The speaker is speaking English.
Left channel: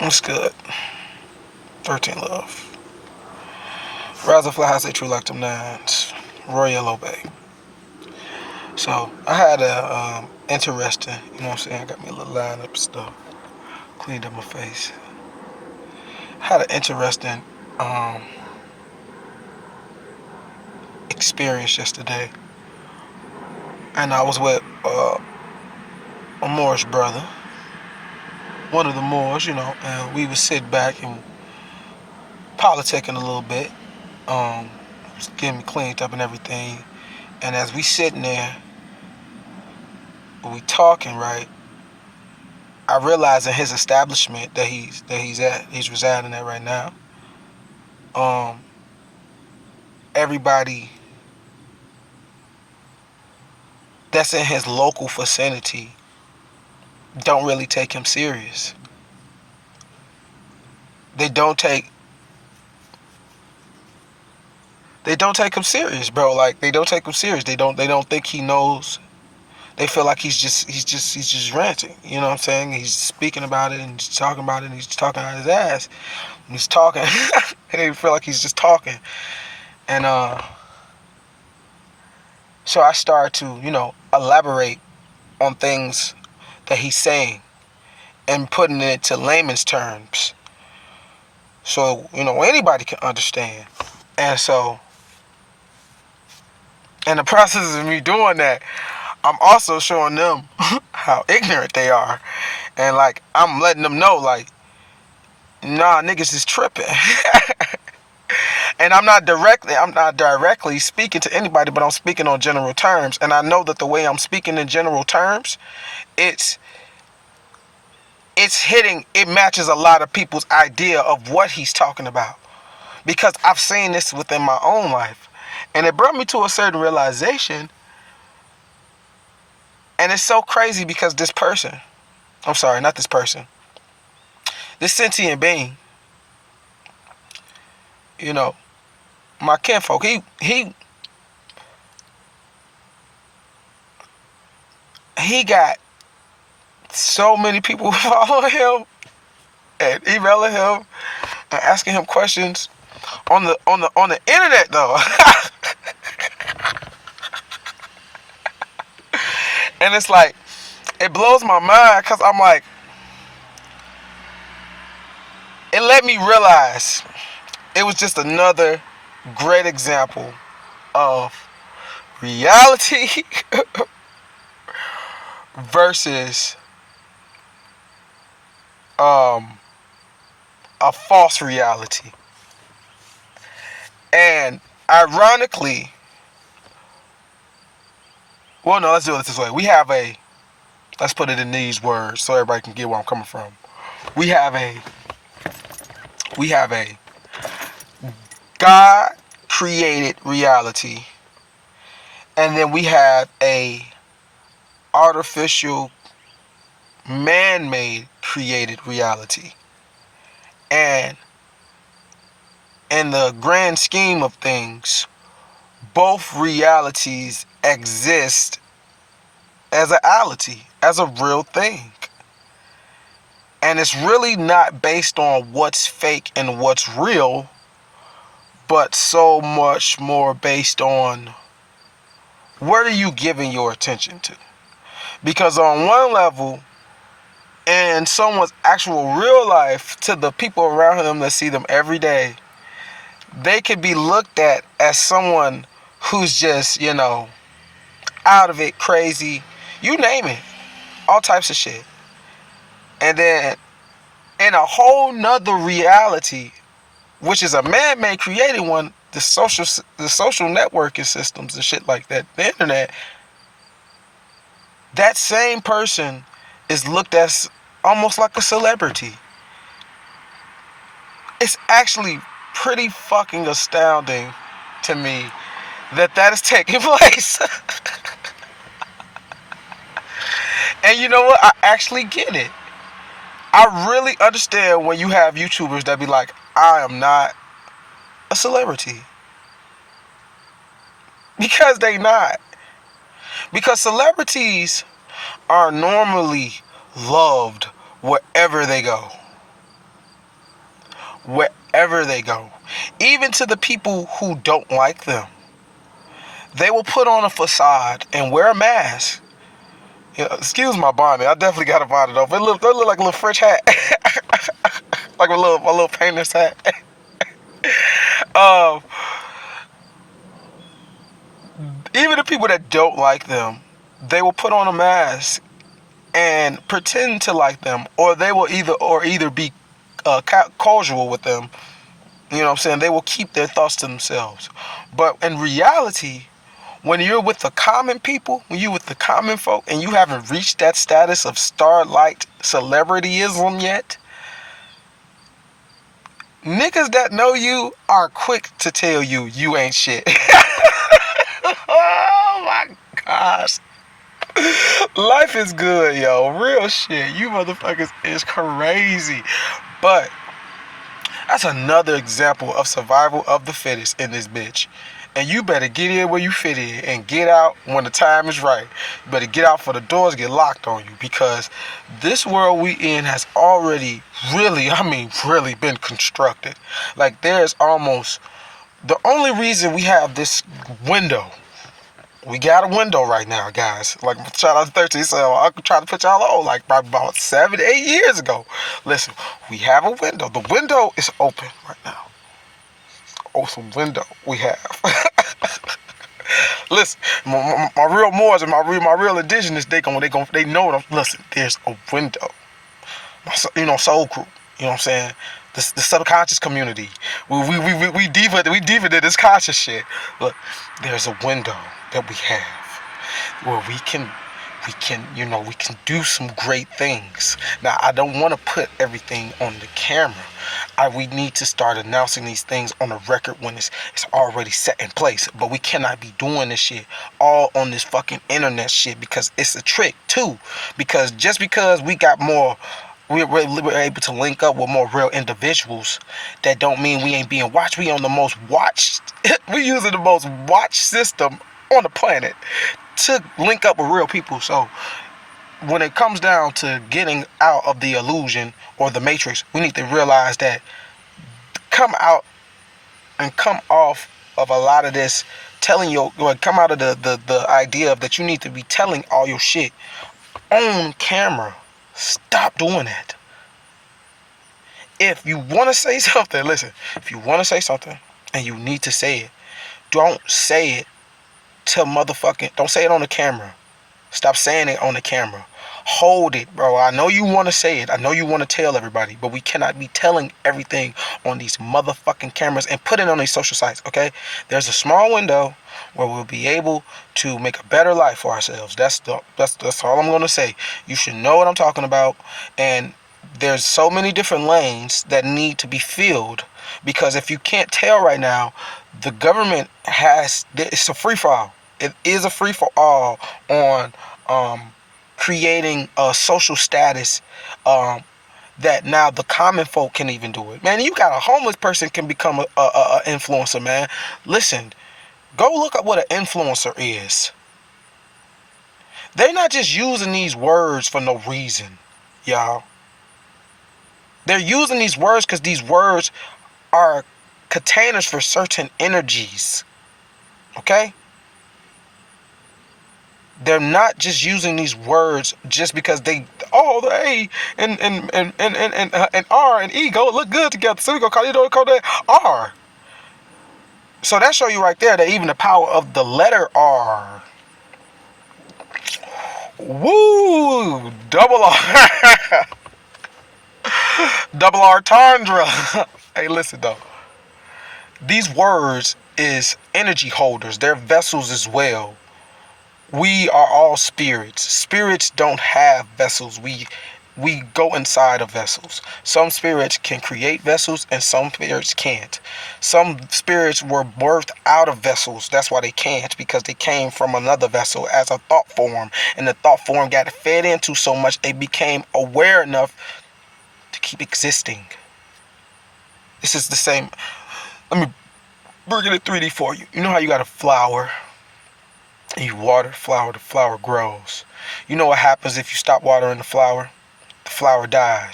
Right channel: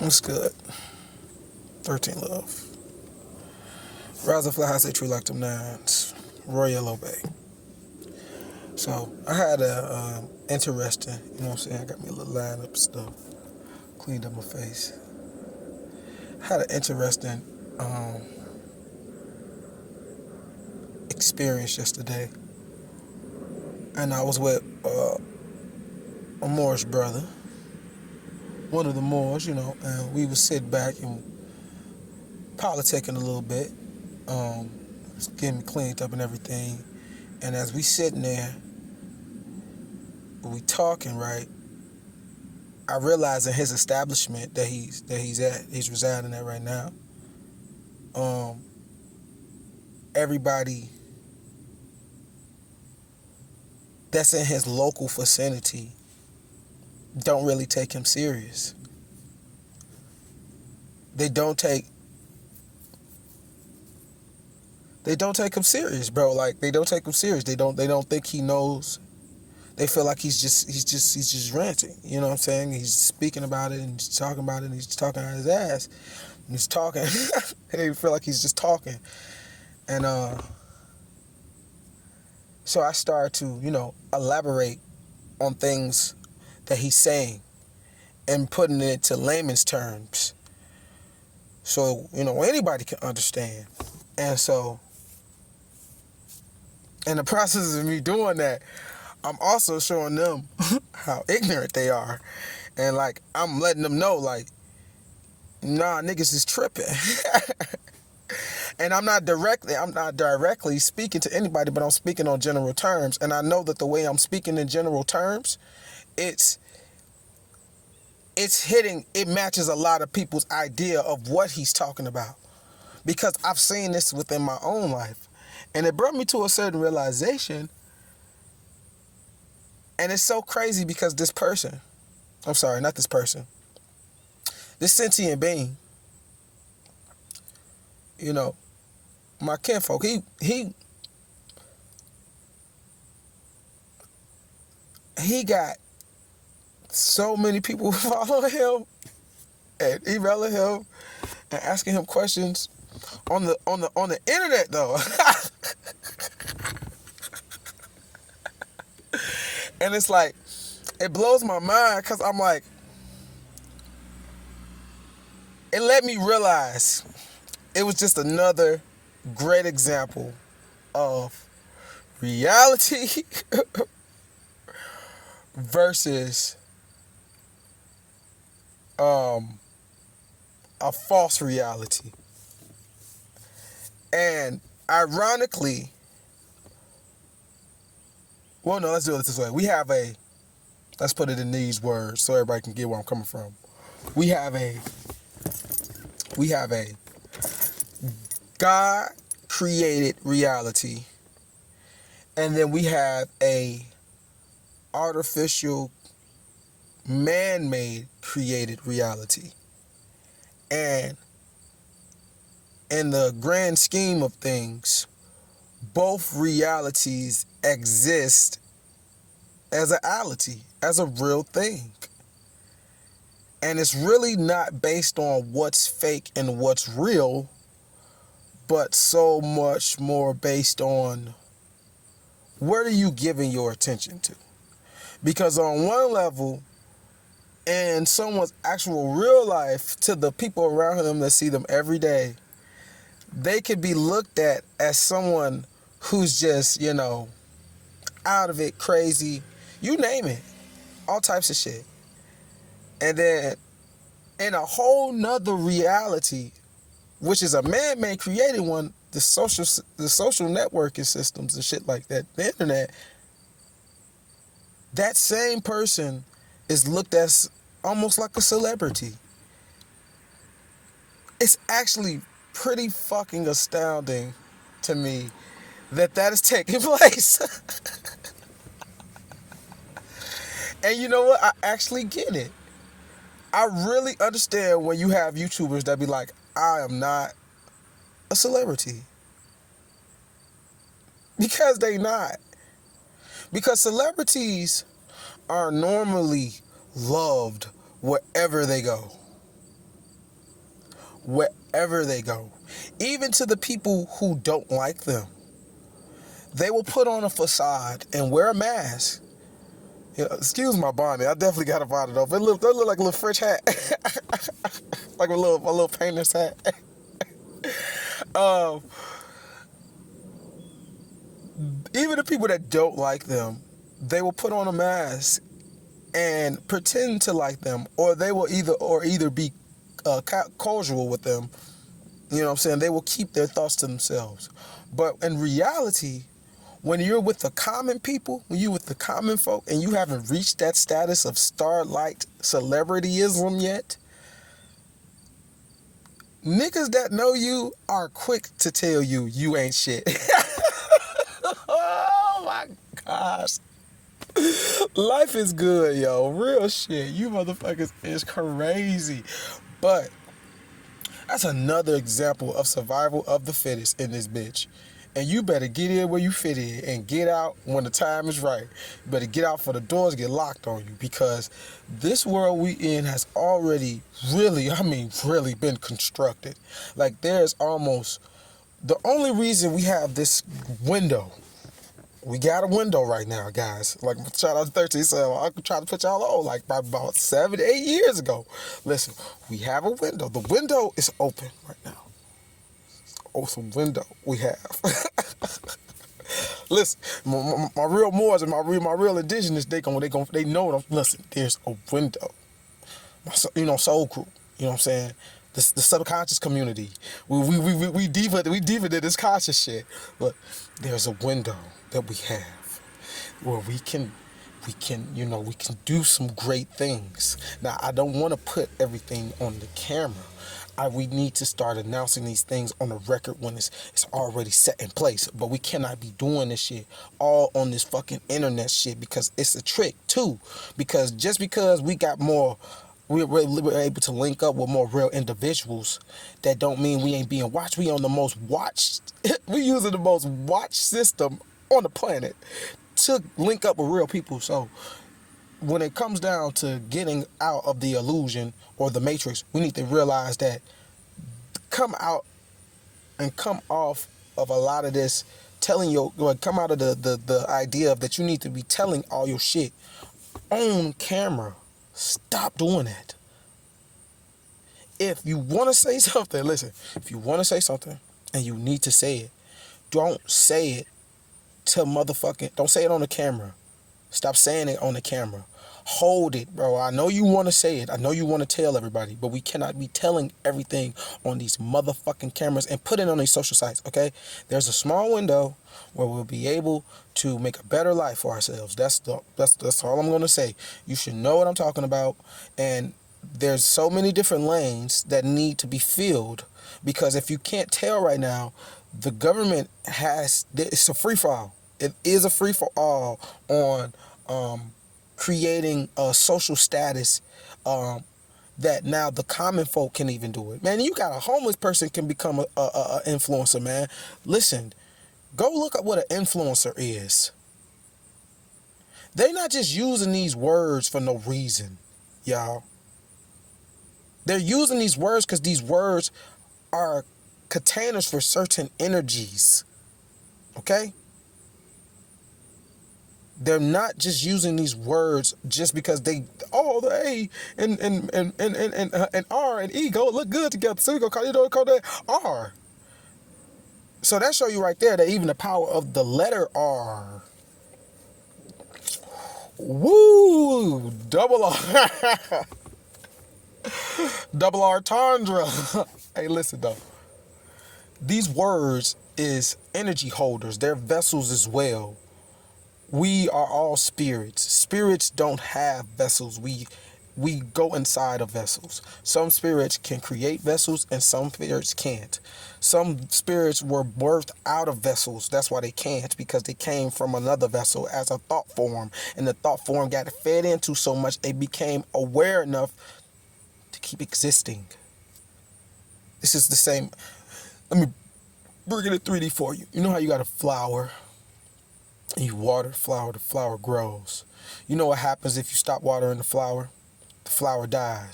What's good? 13 Love. Rise and fly high, say true like them nines. Roy Yellow Bay. So, I had a interesting, you know what I'm saying? I got me a little line up stuff. Cleaned up my face. Had an interesting um, experience yesterday. And I was with a Moorish brother. One of the Moors, and we would sit back and politicking a little bit. Um, just getting me cleaned up and everything. And as we sitting there, we talking, right? I realize in his establishment he's residing at right now. Um, Everybody that's in his local vicinity don't really take him serious. They don't take him serious, bro. Like they don't take him serious. They don't think he knows. They feel like he's just ranting. You know what I'm saying? He's speaking about it and he's talking about it and he's talking out his ass. And he's talking. They feel like he's just talking. And so I started to, elaborate on things that he's saying and putting it to layman's terms. So, anybody can understand. And so, in the process of me doing that, I'm also showing them how ignorant they are. And, like, I'm letting them know, like, nah, niggas is tripping. And I'm not directly speaking to anybody, but I'm speaking on general terms. And I know that the way I'm speaking in general terms, it's it matches a lot of people's idea of what he's talking about. Because I've seen this within my own life. And it brought me to a certain realization. And it's so crazy because this person, I'm sorry, not this person, this sentient being, my kinfolk, he got so many people following him and emailing him and asking him questions on the internet though. And it's like, it blows my mind because I'm like, it let me realize it was just another great example of reality versus a false reality. And ironically, well, no, let's do it this way. Let's put it in these words so everybody can get where I'm coming from. We have a God created reality, and then we have a artificial man-made created reality. And in the grand scheme of things, both realities exist as a reality, as a real thing. And it's really not based on what's fake and what's real, but so much more based on what are you giving your attention to. Because on one level, in someone's actual real life, to the people around them that see them every day, they could be looked at as someone who's just, out of it, crazy, you name it, all types of shit. And then in a whole nother reality, which is a man-made created one, the social networking systems and shit like that, the internet, that same person is looked at almost like a celebrity. It's actually pretty fucking astounding to me that is taking place. And you know what? I actually get it. I really understand when you have YouTubers that be like, I am not a celebrity. Because they not. Because celebrities are normally loved wherever they go. wherever they go. Even to the people who don't like them. They will put on a facade and wear a mask. Excuse my bonnet. I definitely got a bonnet though. But it look like a little French hat. Like my little painter's hat. um, Even the people that don't like them, they will put on a mask and pretend to like them, or they will either be casual with them. You know what I'm saying? They will keep their thoughts to themselves. But in reality, when you're with the common people, when you're with the common folk, and you haven't reached that status of starlight celebrityism yet, niggas that know you are quick to tell you ain't shit. Oh my gosh. Life is good, yo. Real shit. You motherfuckers is crazy. But that's another example of survival of the fittest in this bitch. And you better get in where you fit in and get out when the time is right. You better get out for the doors get locked on you, because this world we in has already really been constructed. Like, there's almost, the only reason we have this window, we got a window right now, guys. Like, shout out to 13, so I could try to put y'all on, like, probably about 7, 8 years ago. Listen, we have a window. The window is open right now. Awesome window we have. Listen, my real Moors and my real indigenous, they know what I'm. Listen, there's a window. Soul crew. You know what I'm saying? The subconscious community. We deeper than this conscious shit. Look, there's a window that we have where we can do some great things. Now, I don't want to put everything on the camera. We need to start announcing these things on the record when it's already set in place. But we cannot be doing this shit all on this fucking internet shit, because it's a trick too. Because just because we got more, we're able to link up with more real individuals, that don't mean we ain't being watched. We on the most watched, we using the most watched system on the planet to link up with real people. So when it comes down to getting out of the illusion or the matrix, we need to realize that come out and come off of a lot of this come out of the idea of that you need to be telling all your shit on camera. Stop doing that. If you want to say something, listen, if you want to say something and you need to say it, don't say it don't say it on the camera. Stop saying it on the camera. Hold it, bro. I know you want to say it. I know you want to tell everybody, but we cannot be telling everything on these motherfucking cameras and put it on these social sites, okay? There's a small window where we'll be able to make a better life for ourselves. That's all I'm going to say. You should know what I'm talking about, and there's so many different lanes that need to be filled, because if you can't tell right now, the government it's a free-for-all. It is a free-for-all on creating a social status that now the common folk can even do it. Man, you got a homeless person can become a influencer, man. Listen, go look up what an influencer is. They're not just using these words for no reason, y'all. They're using these words because these words are containers for certain energies. Okay? They're not just using these words just because the A and R and E go look good together. So we gonna call that R. So that show you right there that even the power of the letter R. Woo! Double R. Double R Tundra. Hey, listen though. These words is energy holders. They're vessels as well. We are all spirits. Spirits don't have vessels. We go inside of vessels. Some spirits can create vessels and some spirits can't. Some spirits were birthed out of vessels. That's why they can't, because they came from another vessel as a thought form. And the thought form got fed into so much it became aware enough to keep existing. This is the same. Let me bring it in 3D for you. You know how you got a flower? And you water the flower grows. You know what happens if you stop watering the flower? The flower dies.